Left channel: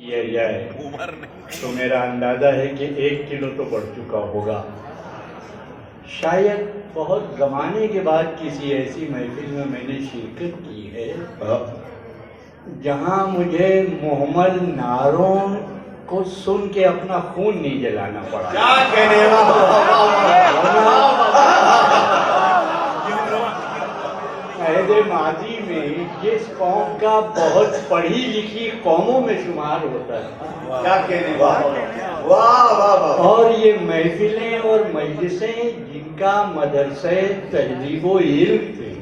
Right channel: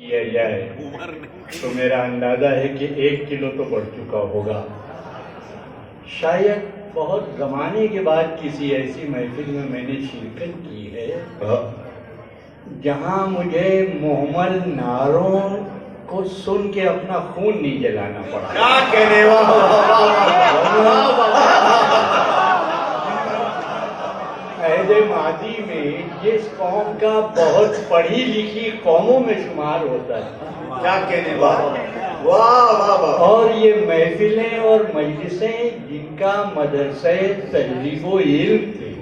کیا جائے تو میرا اندازہ ہے کہ 1 کلو تو بڑھ چکا ہوگا۔ شاید بہت زمانے کے بعد کسی ایسی محفل میں میں نے شرکت کی ہے جہاں مجھے محمل نعروں کو سن کے اپنا خون نہیں جلانا پڑا۔ کیا کہنے عہد ماضی میں جس قوم کا بہت پڑھی لکھی قوموں میں شمار ہوتا تھا، کیا کہنے واہ واہ واہ، اور یہ محفلیں اور مجلسیں جن کا مدرسہ تہذیب و علم تھے،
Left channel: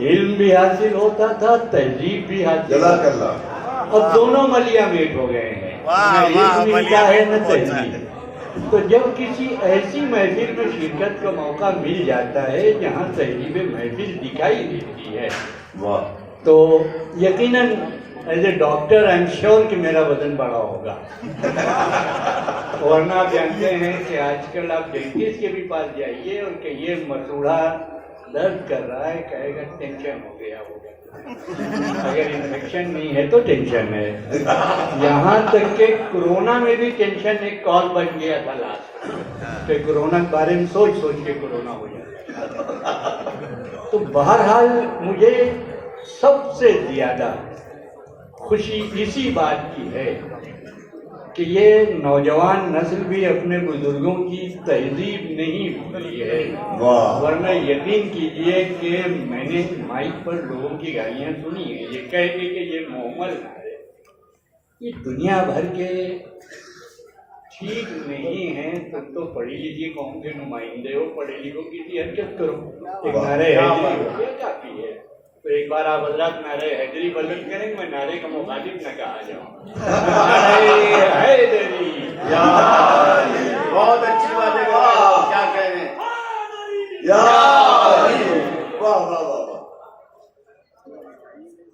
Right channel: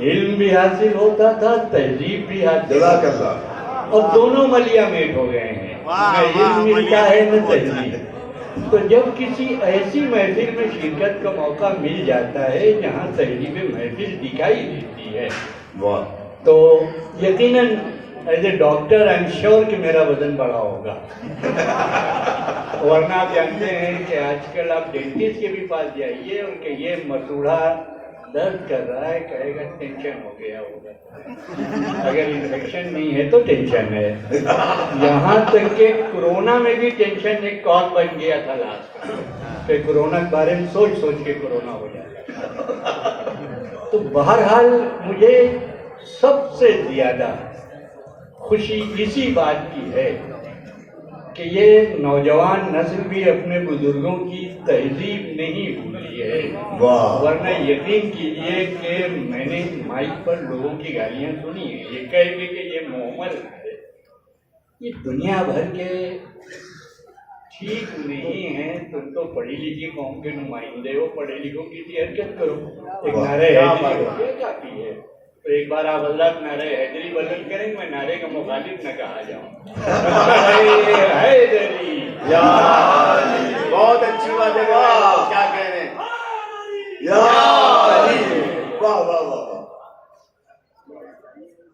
علم بھی حاصل ہوتا تھا، تہذیب بھی حاصل جزاک ہوتا تھا، اللہ۔ اور دونوں ملیا میٹ ہو گئے ہیں، نہ علم ملتا ہے نہ تہذیب۔ تو جب کسی ایسی محفل میں شرکت کا موقع مل جاتا ہے جہاں تہذیب محفل دکھائی دیتی ہے واہ، تو یقیناً as a doctor I am sure کہ میرا وزن بڑھا ہوگا۔ ورنہ آپ جانتے ہیں کہ آج کل آپ ڈینٹسٹ کے بھی پاس جائیے اور کہیے مسوڑھا درد کر رہا ہے، کہے گا ٹینشن ہو گیا ہوگا، اگر انفیکشن نہیں ہے تو ٹینشن ہے۔ یہاں تک کہ کورونا میں بھی ٹینشن ایک کال بن گیا تھا لاسٹ، کہ کورونا کے بارے میں سوچ سوچ کے کورونا ہو جاتا۔ تو بہرحال مجھے سب سے زیادہ خوشی اسی بات کی ہے کہ یہ نوجوان نسل بھی اپنے بزرگوں کی تہذیب نہیں بھولی ہے۔ واہ، ورنہ یقین کیجئے کہ میں نے مائک پر لوگوں کی گالیاں سنی ہیں، یہ کہہ کے کہ یہ محمل ہے، یہ دنیا بھر کے ٹھیک نہیں ہیں۔ تم تو پڑھی لکھی قوم کے نمائندے ہو، پڑھے لکھوں کی سی حرکت کرو، ایک نعرہ حیدری ہو گیا کافی ہے۔ تو ایک بار آپ حضرات نعرہ حیدری بلند کریں، میں نعرے کا مخالف نہ کہا جاؤں۔ نعرہ حیدری، یا علی، بہت اچھی بات ہے، کیا کہنے، یا علی، واہ واہ واہ واہ۔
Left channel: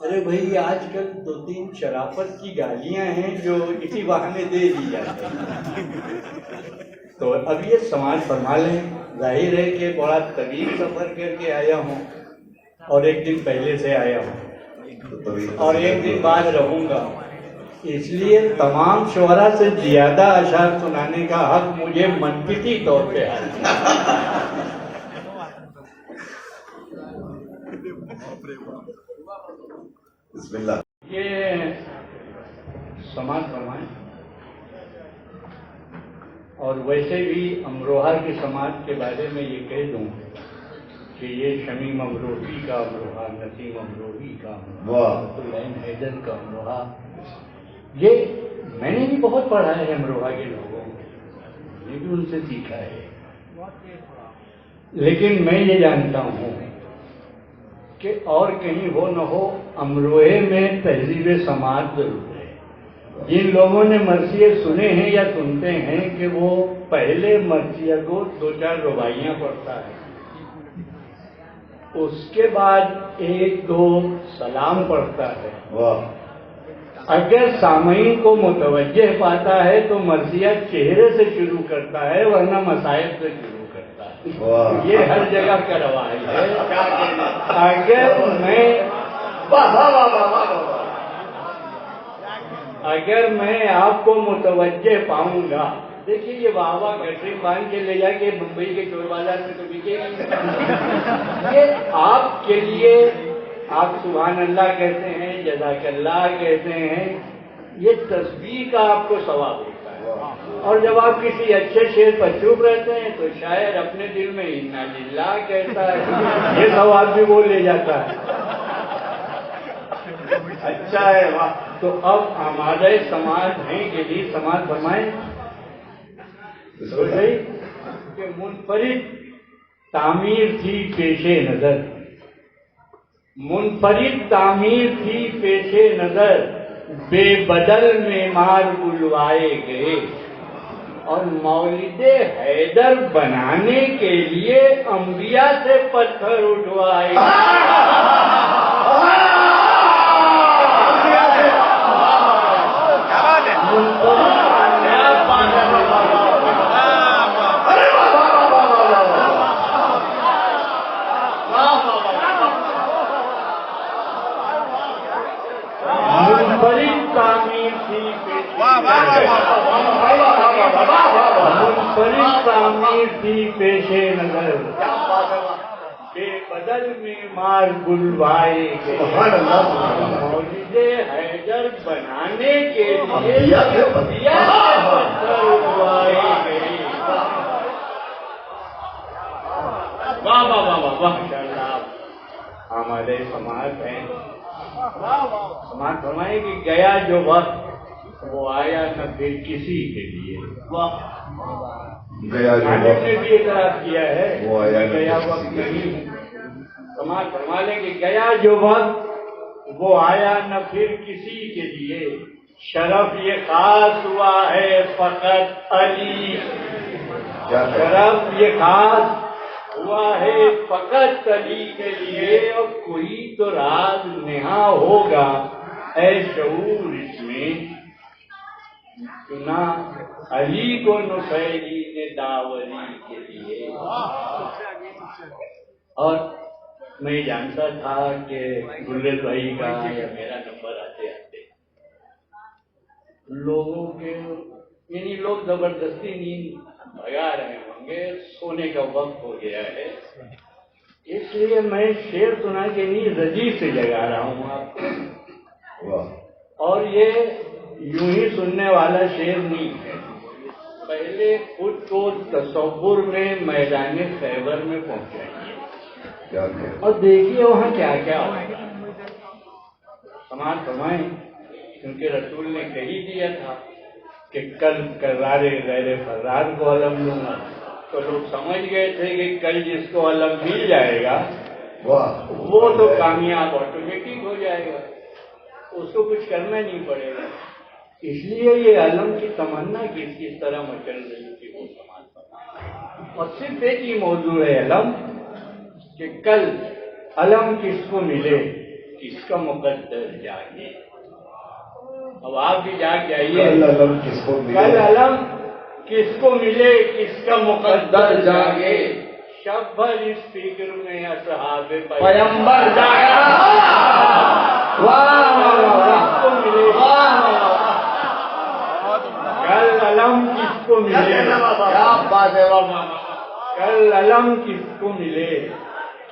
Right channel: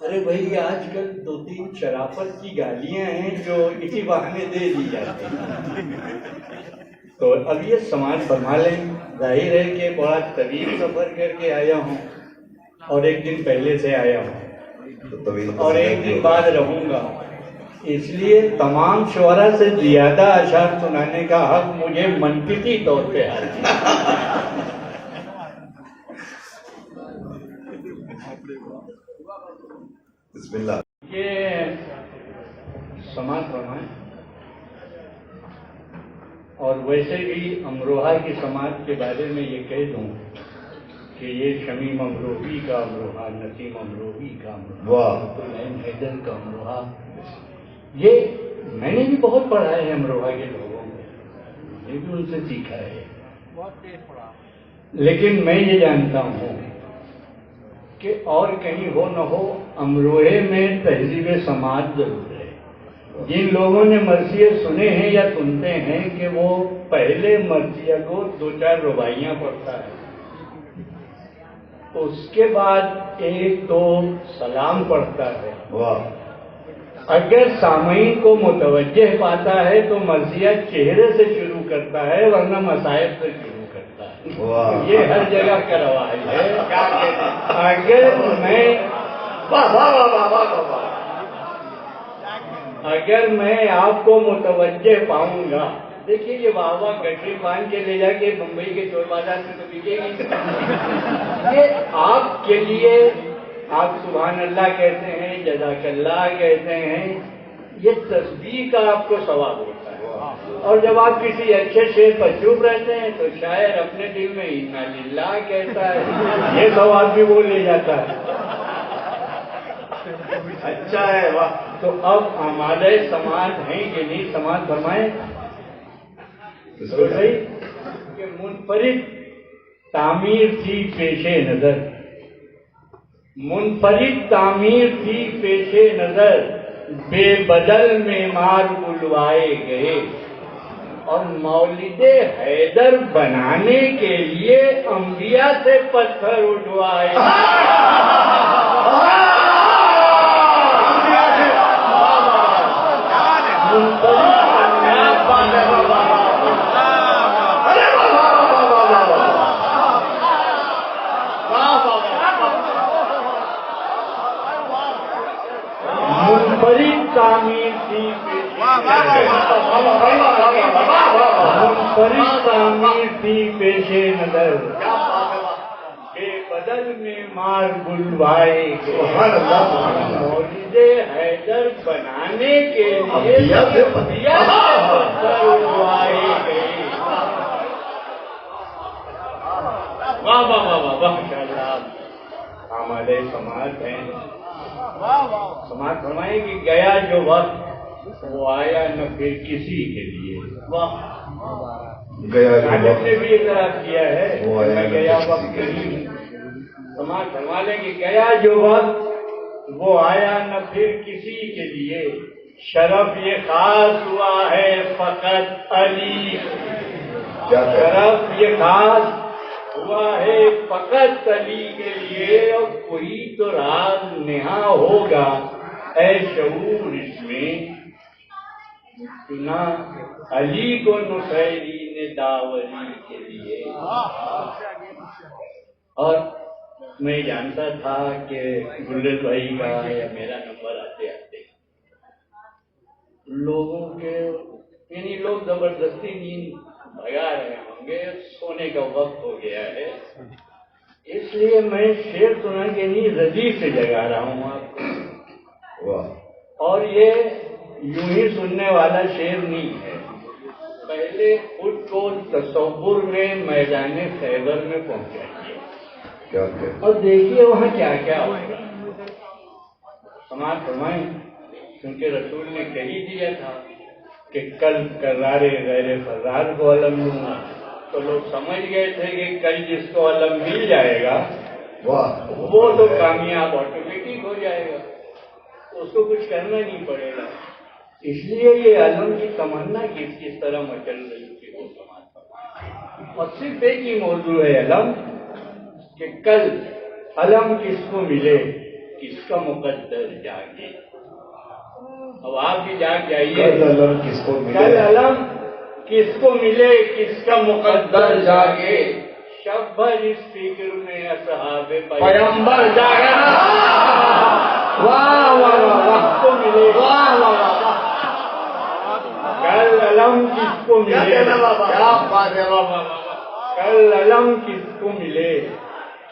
ارے بھائی آج کل 2-3 شرافت کی گالیاں ہیں جو اسی بہانے دے دی جاتی ہیں۔ تو اب یہ سماج سنبھالیں، ظاہر ہے کہ بڑا طویل سفر کر کے آیا ہوں، اور 1 دن پہلے سے آیا ہوں، اور 1 دن بعد رہوں گا، اس لیے تمام شعراء سے زیادہ اشعار سنانے کا حق مجھے منطقی طور پہ حاصل ہے۔ بسم اللہ۔ یہ سماج فرمائیں، اور ویسے بھی امروہہ کی سماج کے بارے میں یہ کہہ دوں کہ یہ شمیم امروہی کا امروہہ، نسیم امروہی کا واہ، امروہہ، العین حیدر کا امروہہ، یہ میں نے بھی بہت پڑھا ہے امروہہ کے لوگوں کو، یہ بھی ان سے سیکھا ہے، لیکن میں یہ جانتا ہوں کہ اور کہیں ہو نہ ہو امروہے میں تہذیب سماج ضرور ہے۔ جن لوگوں نے مرثیے سنے ہیں یا سنتے ہیں کہ وہ پہلے مرثیہ کو 2-4 رباعیاں پڑھتا ہے، اس کے بعد 1-2 سلام پڑھتا ہے، واہ، اگر سامعین کو متوجہ پاتا ہے تو مرثیہ چہرے سے شروع کرتا ہے، ورنہ مصائب سے شروع کرتا ہے۔ واہ، یہ ہر جگہ کا رواج ہے۔ اگر میں آپ کو متوجہ پاؤں گا، دیکھیے یہ واہ واہ گٹری باندھ کے لے جا کے ممبئی کے چور بازار میں تو بکے گی، یہ آپ کے لیے، آپ سبحان اللہ کہتے ہیں، جزاک اللہ کہتے ہیں، یہ تسبیح کا آپ کو ثواب ہوتا ہے۔ اور جب آپ کسی اچھے شعر پر چپ رہتے ہیں تو شاعر اپنے دل میں انا للہ کہتا ہے، یہ ثواب بھی وہ لے جاتا ہے۔ اچھا ہے، واہ۔ تو اب ہمارے سماج ہیں کہ نہیں، سماج فرمائیں کہ منفرد تعمیر تھی پیش نظر، منفرد تعمیر تھی پیش نظر، بے بدل معمار بلوائے گئے، اور مولد حیدر بنانے کے لیے انبیاء سے پتھر اٹھوائے منفرد تعمیر تھی فرشتانی تھی پیشے نظر کیا بات ہے بے بدل میں مار بلوائے سبحان اللہ مولد حیدر بنانے کے لیے دیا پتھر اڑوائے گئے. واہ واہ واہ واہ واہ ماشاءاللہ. ہمارے سماج ہیں سماج فرمائے کہ گیا جو وقت وہ آیا نہ پھر کسی کے لیے. گیا جو نے وقت بھی اعتراف کیا ہے وہ آیا نہ گیا کسی وقت کے نہیں. سماج فرما لیں کہ گیا جو وقت وہ آیا نہ پھر کسی کے لیے. شرف یہ خاص ہوا ہے فقط علی. کیا شرف یہ خاص ہوا ہے فقط علی کے لیے. اور کوئی تو راز نہا ہوگا اے شعور اس میں چنا علی کو نصیری نے داوری کے لیے. اور میں جانتا تھا کہ گلریز بھائی کا یا میرا نمبر آتے آتے لوگوں کے یعنی لوگ زبردستی نیند بھگا رہے ہوں گے. سونے کا وقت ہو گیا ہے اس لیے میں شعر سنا کے نہیں رضی سے جگا رہا ہوں آپ کو. اور یہ یوں ہی سننے والا شعر نہیں ہے. پہلے خود کو تصور میں میدان خیبر میں پہنچائیے اور دیکھیے وہاں کیا کیا سماج فرمائیں. کیونکہ رسول نے کہی دیا تھا کہ کل کرارے غیر فرار کو علم دوں. تو لوگ سمجھ گئے تھے کہ کل جس کو علم مل جائے گا وہ تو کامیاب آٹومیٹک ہو جائے گا, اس کو کچھ کرنا نہیں پڑے گا. اس لیے یہ علم کی تمنا کس طرح مچل رہی تھی وہ سماج. اور صرف ایک ہی موضوع ہے علم کہ کل علم کس کو ملے کس کا مقدر جاگے. اب آپ بھی جا کے آئیے علم کس کو ملے کل علم کس کو ملے کس کا مقدر جاگے. شب بھر اس فکر میں اصحاب پیغمبر جاگا. کس کو ملے کل علم کس کو ملے کل علم کس کو ملے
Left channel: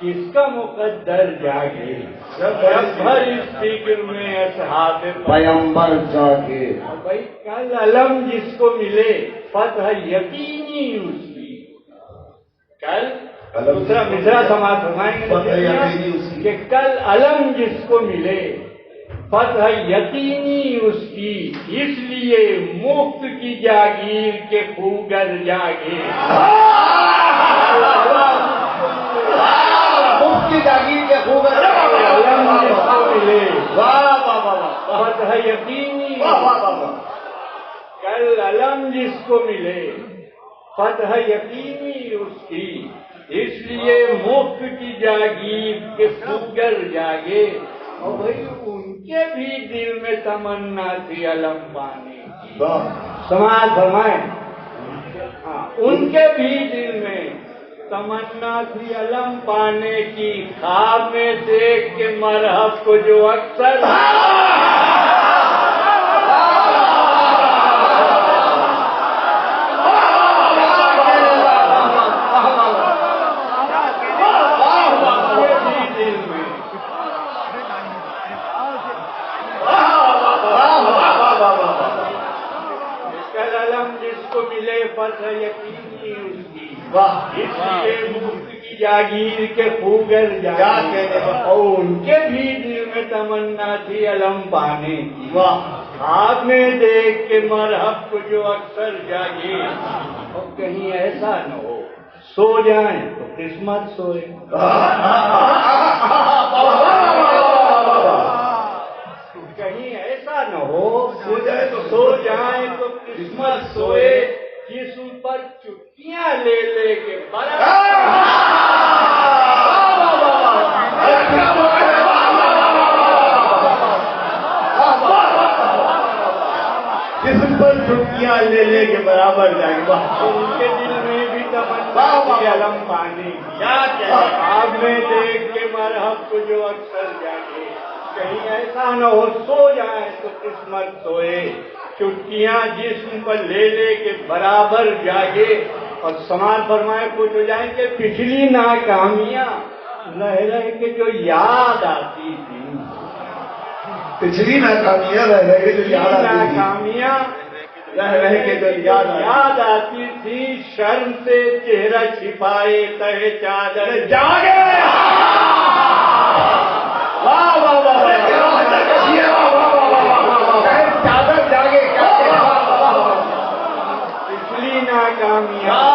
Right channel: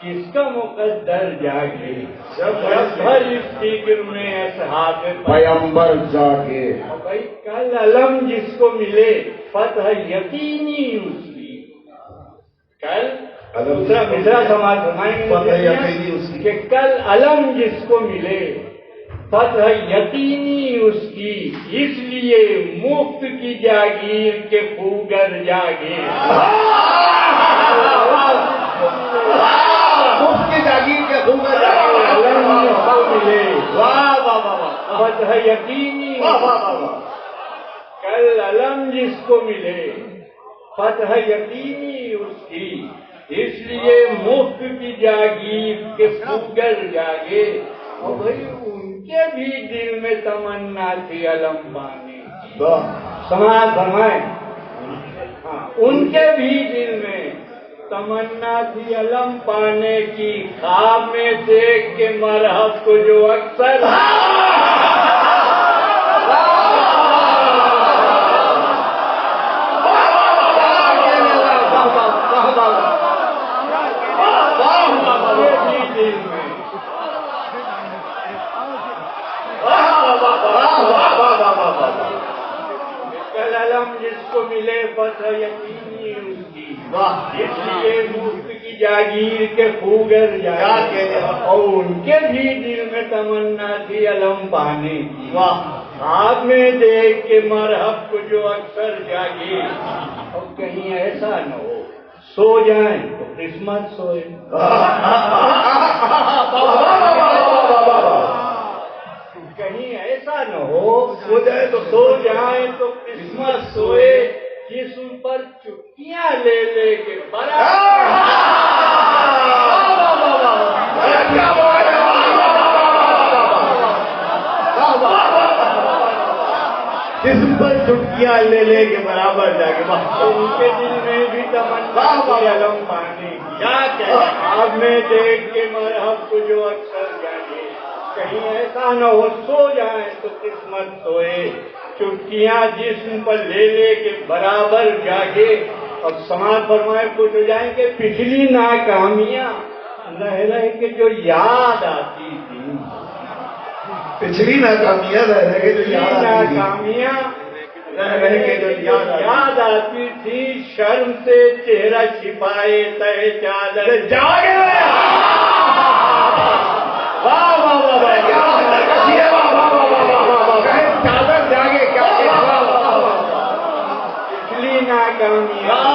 کس کا مقدر جاگے. شب بھر اس فکر میں اصحاب پیغمبر جاگے. بھائی کل علم جس کو ملے فتح یقینی اس کی. کل دوسرا مصرع سماعت فرمائیں گے کہ کل علم جس کو ملے فتح یقینی اس کی. اس لیے مفت کی جاگیر کے خوگر جاگے. مفت کی جاگیر کے خوگر جاگے. علم جس کو ملے فتح یقینی کل علم جس کو ملے فتح یقینی اس کی. اس لیے مفت کی جاگیر کے خوگر جاگے. اور بھائی ان کے بھی دل میں تمنا تھی علم پانے کی. سماج فرمائیں ان کے بھی دل میں تمنا تھی علم پانے کی. خواب میں دیکھ کے مرحب کو جو اکثر جس کو ملے فتح یقینی اس کی. اس لیے مفت کی جاگیر کے خوگر جاگے. اور ان کے بھی دل میں تمنا تھی علم پانے کی. خواب میں دیکھ کے مرحب کو جو اکثر جاگے. اور کہیں ایسا نہ ہو سو جائیں تو قسمت سوئے. کہیں ایسا نہ ہو سو جائیں تو قسمت سوئے. جسم پر چٹکیاں لے لے کے جسم پر چٹکیاں لے لے کے برابر جاگے. ان کے دل میں بھی تمنا تھی علم پانے کی. اب میں دیکھ کے مرحب کو جو اکثر جاگے. کہیں ایسا نہ ہو سو جائیں تو قسمت سوئے. چٹکیاں جسم پر لے لے کے برابر جاگے. اور سماج فرمائے پوچھ جائیں کہ پچھلی ناکامیاں رہ رہ کے جو یاد آتی تھی، پچھلی ناکامیاں رہ رہ کے جو ناکامیاں رہ رہ کے جو یاد آتی تھی، شرم سے چہرہ چھپائے تہ چادر جاگے. واہ واہ واہ چادر جاگے کیا پچھلی ناکامیاں.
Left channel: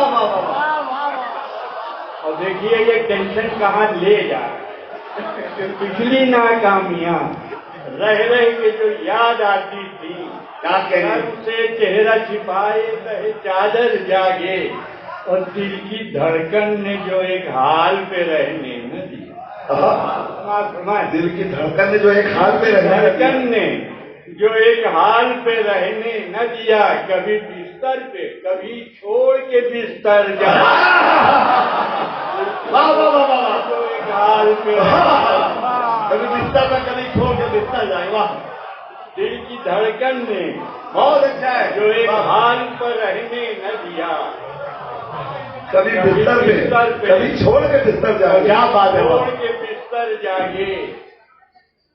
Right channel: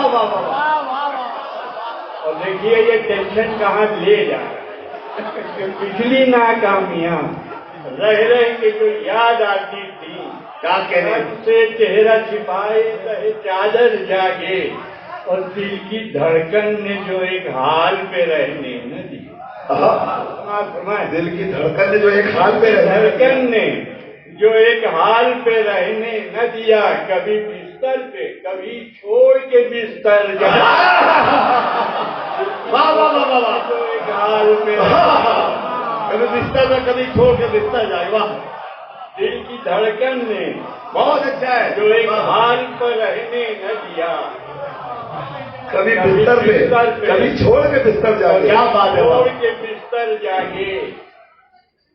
اور دیکھیے یہ ٹینشن کہاں لے جا رہا ہے. پچھلی ناکامیاں رہ رہ کے جو یاد آتی تھی، سے چہرہ چھپائے تہ چادر جاگے، اور دل کی دھڑکن نے جو ایک حال پہ رہنے نہ دیا. دل کی دھڑکن نے جو ایک حال پہ دھڑکن نے جو ایک حال پہ رہنے نہ دیا، کبھی بستر پہ کبھی چھوڑ کے بستر جا. جو ایک حال پہ کبھی بستر میں کبھی چھوڑ کے بستر جائے. واہ. دل کی دھڑکن نے بہت اچھا ہے جو ایک حال پر رہنے نہ دیا، کبھی بستر پہ کبھی چھوڑ کے بستر جائے. کیا بات ہے. چھوڑ کے بستر جاگے.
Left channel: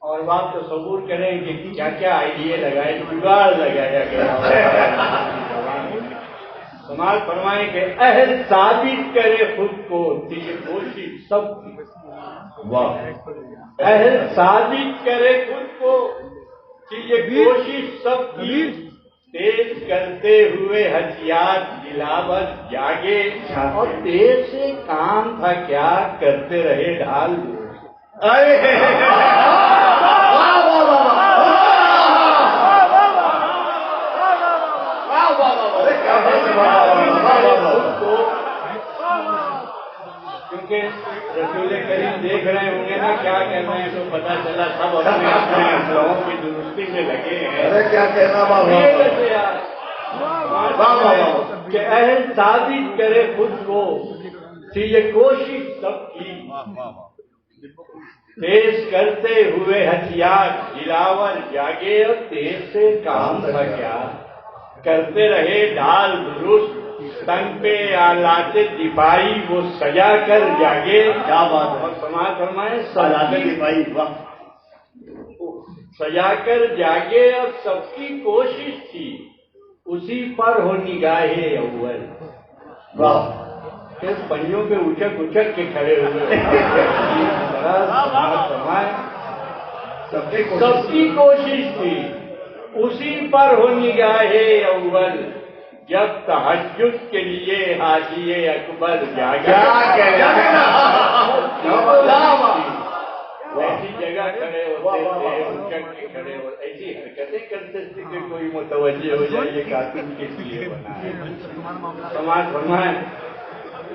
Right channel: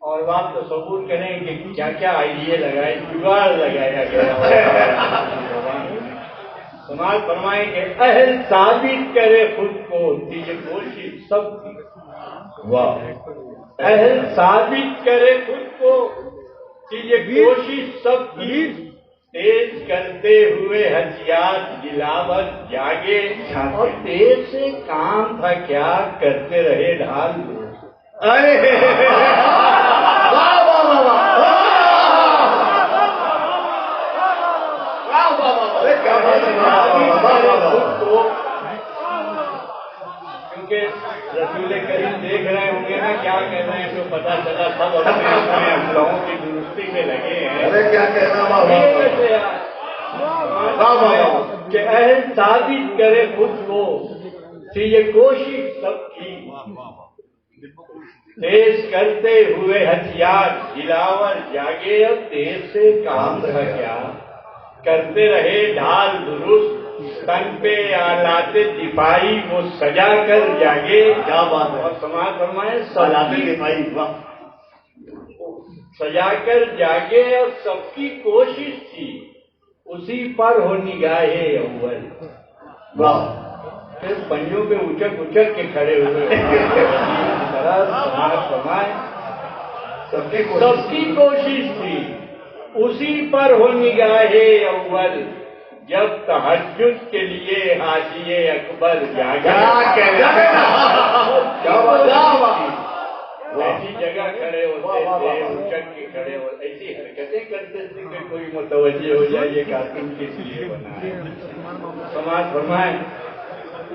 اور آپ تصور کریں کہ کیا کیا آئیڈیا لگائے، جگاڑ لگایا گیا. سماج فرمائیں کہ اہل ثابت کرے خود کو، یہ کوشش سب کی. واہ. اہل ثابت کرے خود کو کہ یہ کوشش سب کی، تیز کرتے ہوئے ہتھیار دلاور جاگے. اور تیز سے کام تھا کیا، کرتے رہے ڈھال. کیونکہ رسول کریم دیکھ رہے ہوں گے نا کیا کہنا ہے، تو پتا چلا سب اپنے اپنے اسلحوں کی درستی میں لگے ہیں. ارے کیا کہنا کہ اہل ثابت کرے خود کو کہ یہ کوشش سب کی، تیز کرتے ہوئے ہتھیار دلاور جاگے. اور تیز سے کام تھا کیا، کرتے رہے ڈھال درست، تن پہ آلات دفاعی وہ سجا کر جاگے. کیا بات ہے. اور سماج فرمائے آلات دفاعی سجا کر جاگے. اور سب کی کوشش تھی اسی پر ہو نگاہے اول. واہ. پھر پنجوں پہ اچک اچک کے کھڑے ہوئے. سماج فرمائے سب کی کوشش تھی اسی پر ہو نگاہے اول، جب تہجد کے لیے حاجی اکبر جاگا. ایسی جگہ کھڑے ہوتے تھے، اچک کے کھڑے ہوتے، ایسی حرکتیں کرتے تھے کہ کوئی متوجہ ہو جائے یہ کارٹون کس لیے بنا ہے. سماج فرمائے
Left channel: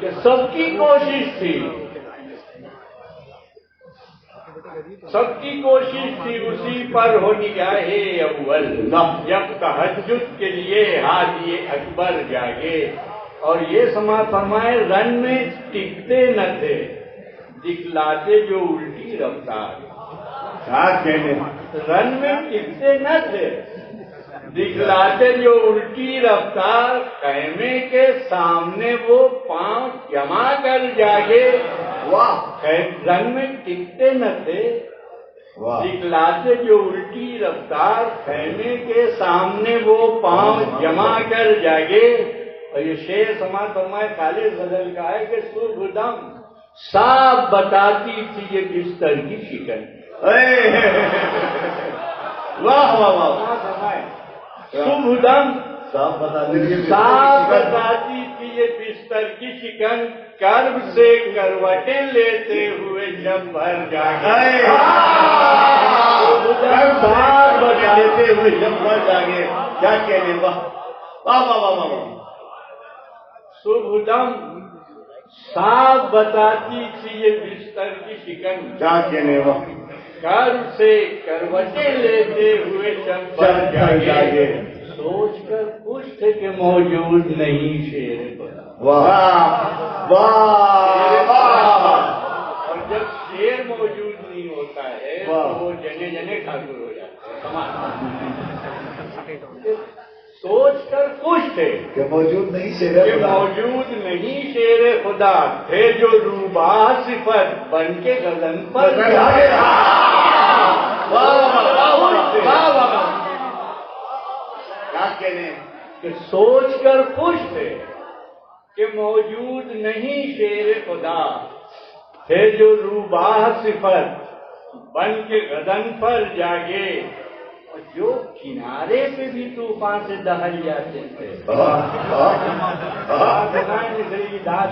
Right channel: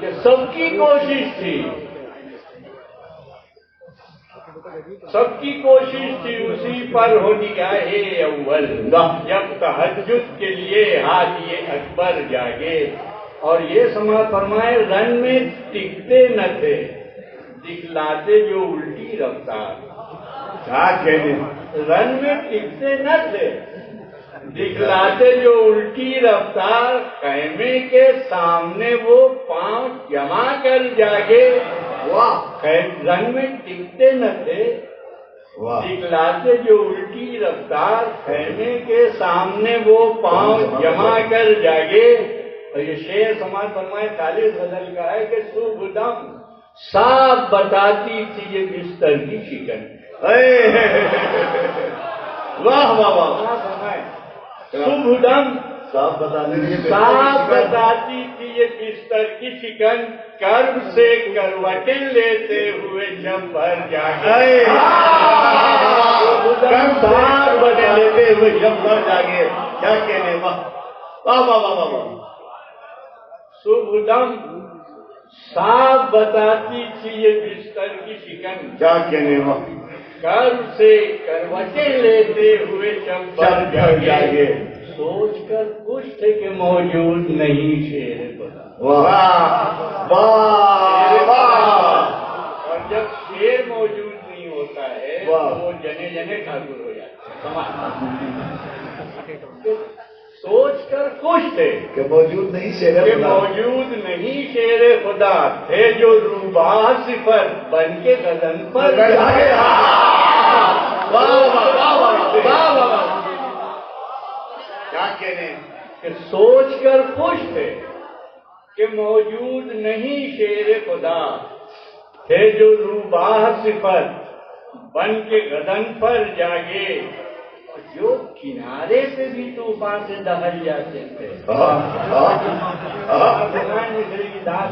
کہ سب کی کوشش تھی، سب کی کوشش تھی اسی پر ہو نگاہے اول، جب تہجد کے لیے حاجی اکبر جاگے. اور یہ سماج فرمائے رن میں ٹکتے نہ تھے، دکھلاتے جو الٹی رفتار. کیا کہنے، رن میں ٹکتے نہ تھے، دکھلاتے جو الٹی رفتار. خیمے کے سامنے وہ پاؤں جما کر جاگے. رن میں ٹکتے نہ تھے، دکھلاتے جو الٹی رفتار. خیمے کے سامنے وہ پاؤں جما کر جاگے. اور یہ شعر سماج فرمائے خالد غزل کا ہے کہ صبح دم صاف بتاتی تھی یہ بستر کی شکن. واہ واہ واہ. صبح دم صاف بتاتی تھی یہ بستر کی شکن، کرب سے کروٹیں لیتے ہوئے جب بھر جاگے. لیتے ہوئے جب بھر جاگے. کیا کہنے. واہ واہ واہ واہ. صبح دم صاف بتاتی تھی یہ بستر کی شکن، کیا کہنے. واہ. کرب سے کروٹیں لیتے ہوئے جب بھر جاگے. سوچ کر خوش تھے کہ موجود نہیں شیر بنا. واہ واہ. اور جب شیر موجود نہیں ہوتا ہے تو وہ جنے جنے ٹھاکر ہو جاتے ہیں. سوچ کر خوش تھے کہ موجود نہیں شیر کہ خدا موجود نہیں شیر خدا تھے جو روبا صفت بن کے گگن پر جاگے. کیا کہنے کہ سوچ کر خوش تھے کہ موجود نہیں شیر خدا تھے جو روبا صفت بن کے گگن پر جاگے. جو کنارے پہ بھی طوفان سے دہل جاتے تھے.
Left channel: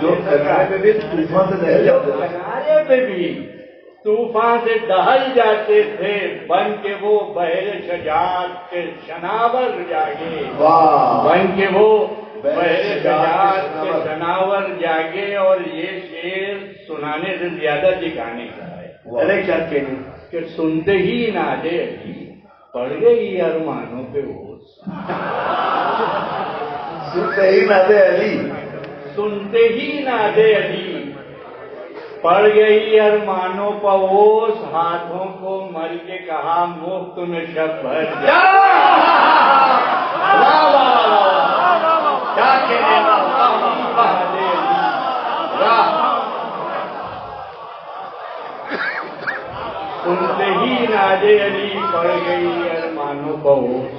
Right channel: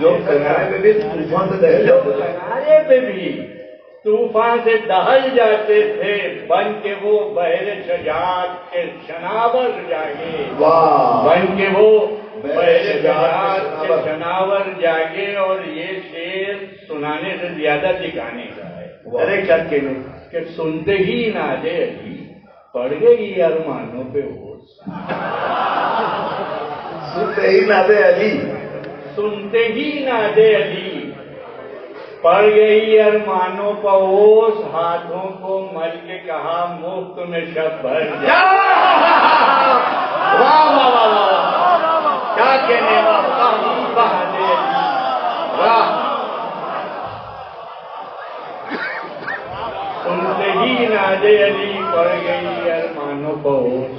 جو کنارے پہ بھی طوفان سے دہل جاتے تھے. کنارے پہ بھی طوفان سے دہل جاتے تھے بن کے وہ بحر شجاعت کے شناور جاگے. بن کے وہ بحر شجاعت کے شناور جاگے. اور یہ شعر سنانے سے زیادہ دکھانے کا ہے. ارے کیا کہنے کہ سنتے ہی نادے علی پڑ گئی ارمانوں پہ ہوش. سنتے ہی نادے علی سنتے ہی نادے علی پڑ گئی ارمانوں پہ ہوش. ہاتھوں کو مل کے کہا مفت میں شب بھر جا. کیا کہنے نادے علی سنتے ہی نادے علی پڑ گئی ارمانوں کو ہوش.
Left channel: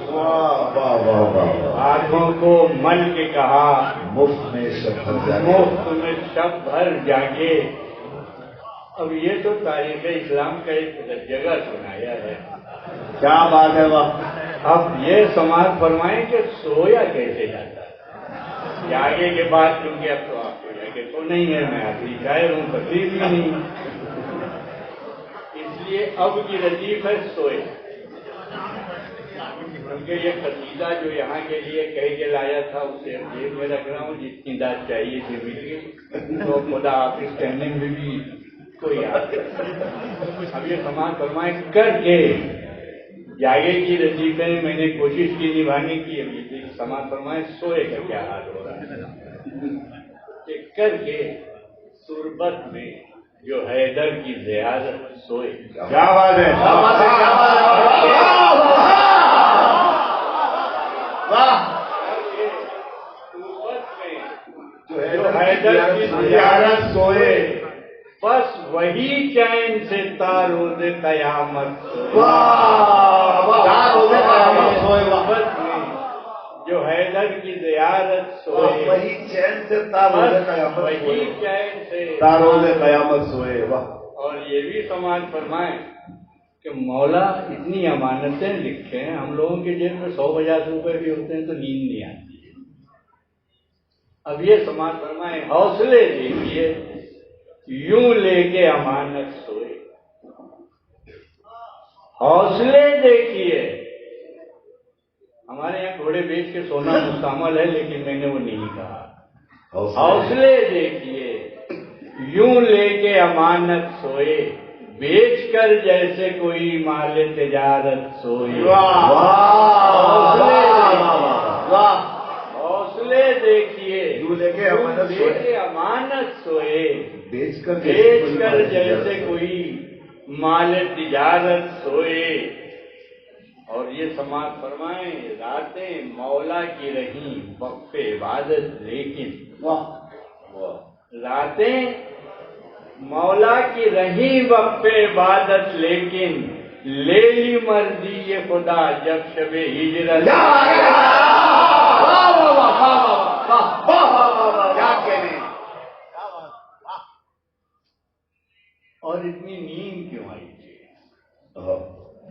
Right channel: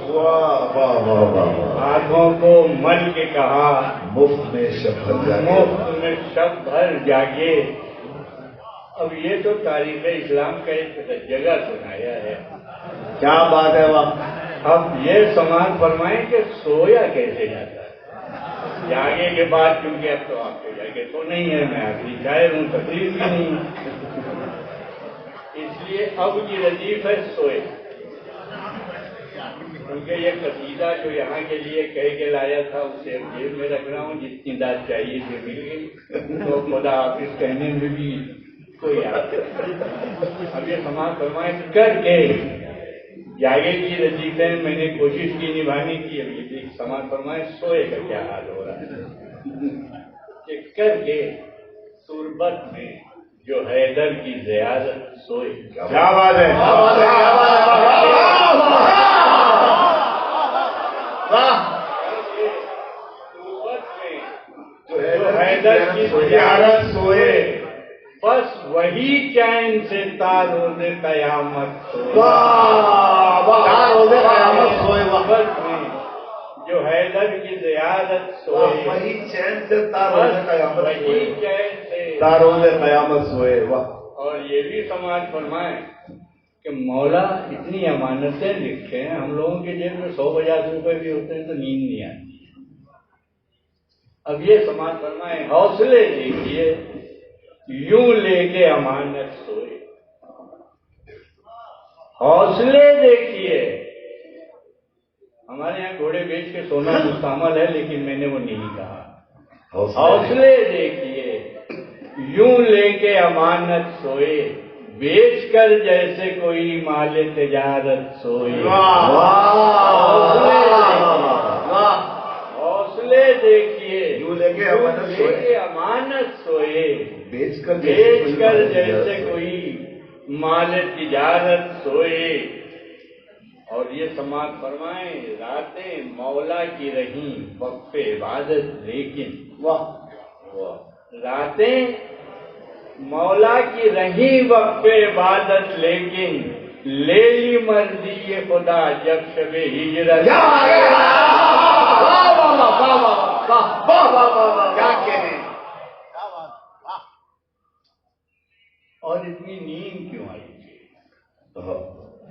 ہاتھوں کو مل کے کہا مفت میں شب مفت میں شب بھر جاگے. اب یہ تو تاریخ اسلام کا ایک جگہ سنایا ہے. کیا بات ہے واہ. اب یہ سماعت فرمائیں کہ سویا کیسے جاتا ہے. جاگے کے بعد کیونکہ اب تو آپ کو جاگے تو نہیں ہے. میں آخری شاعر ہوں تقریر بھی نہیں. اس لیے اب کی ردیف ہے سوئے. کیونکہ یہ قصیدہ جو یہاں کے لیے کہہ کے لایا تھا اسے جیب میں رکھ رہا ہوں. جتنی داد چاہیے تھی مل گئی. تو خدا حافظ کہنے میں بھی کوئی یاد. اب یہ سماعت فرمائیں کر کے جاگے کی رسیدیں میں نے کوشش کی نبھانے کی. اب یہ سماعت فرمائیں سوئے کا کیا حال ہو رہا ہے. کہ کر کے تربت میں جو حیدر کی زیارت سوئے. کیا بات ہے. جو حیدر کی زیارت سوئے بس وہی چین سے تاروز قیامت سوئے. بس جو حیدر کی زیارت سوئے وہی چین سے تاروز قیامت سوئے. اور یہ بھی سماعت فرمائیں کہ مولا اتنی امانتیں لکھے ہیں. ہم لوگوں کے جیب میں 150 روپے بھی ہوتے ہیں تو نیند نہیں آتی. اب یہ سماعت فرمائیں حوصلے دیکھیے یوں لے کے امانت سوئے. حوصلے دیکھیے. ہمارے یہاں گھوڑے بیچ کے سونا مستعمل ہے لیکن میں نے وہ نہیں کہا. حوصلے دیکھیے یوں لے کے امانت سوئے بیچ کر جیسے کوئی مال تجارت سوئے. حوصلے دیکھیے یوں لے کے امانت سوئے بیچ کر جیسے کوئی مال تجارت سوئے. اور یہ سماعت فرمائیں راتیں مولا کی رہیں وقف عبادت لیکن راتیں مولا کی رہیں وقف عبادت لیکن لے لی مرضی یہ خدا جب شب ہجرت. اور اتنی نیند کیوں آئی تھی.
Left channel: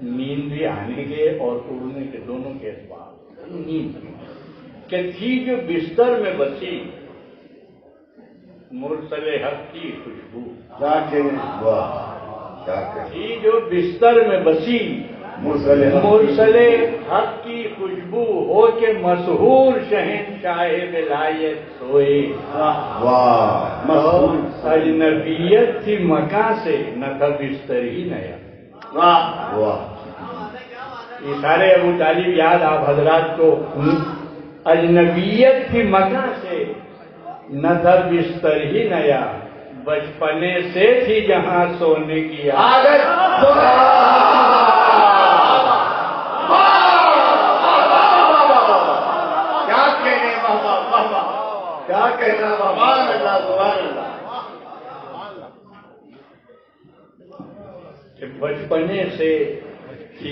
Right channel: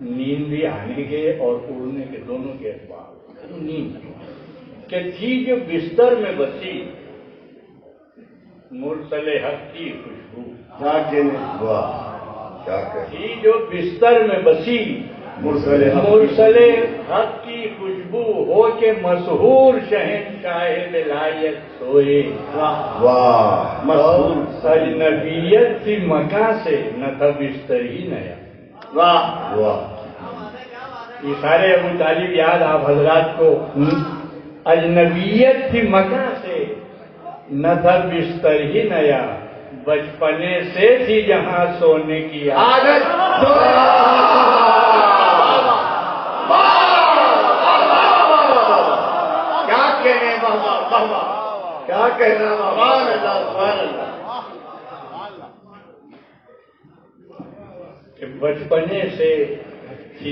نیند بھی آنے کے اور اڑنے کے دونوں کے اسباب. نیند کہ تھی جو بستر میں بسی مرسل حق کی خوشبو. تھی جو بستر میں بسی مرسل حق کی خوشبو ہو کے مسحور شہنشاہ ولایت سوئے. اجنبیت تھی مکان سے نہ تھا بستر ہی نیا. یہ سارے ابو طالب یاد آپ حضرات کو. اجنبیت تھی مکان سے نہ تھا بستر ہی نیا بچپنے سے تھی جہاں سونے کی عادت. کہنے بابا بابا کیا کہنا بابا سبحان اللہ کہ بچپنے سے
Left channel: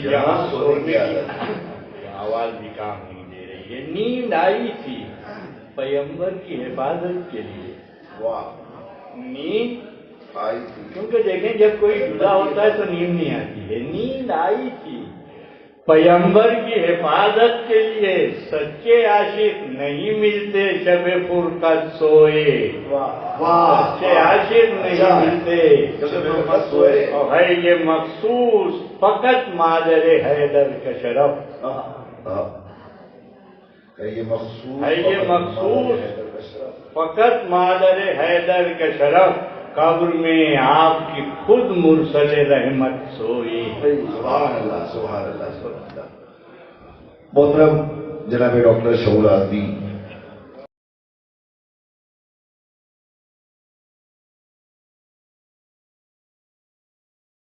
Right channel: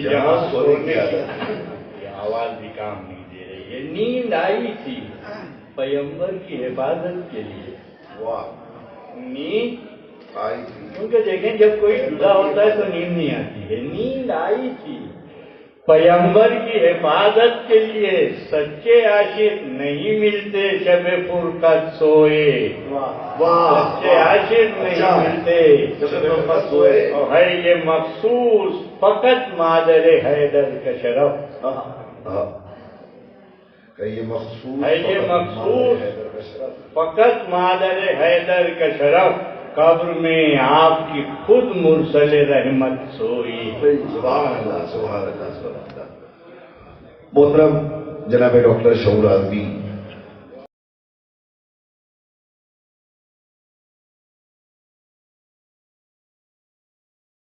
جہاں سونے کی آواز بھی کام نہیں دے رہی ہے. نیند آئی تھی پیغمبر کی حفاظت کے لیے. واہ نیند آئی تھی کیونکہ دیکھیں جب کوئی جدا ہوتا ہے تو نیند نہیں آتی ہے. نیند آئی تھی پیغمبر کی حفاظت کے لیے. سچے عاشق نہیں ملتے شب فرقت سوئے. سچے عاشق نہیں ملتے اور ہے یہ مخصوص فقط مادر حیدر کا شرف. یہ مخصوص ہے یہ مخصوص فقط مادر حیدر کا شرف. قبر میں آپ کی خود مرسل رحمت سوئی. سبحان اللہ سبحان اللہ. محترم جناب ڈاکٹر شعور آدمی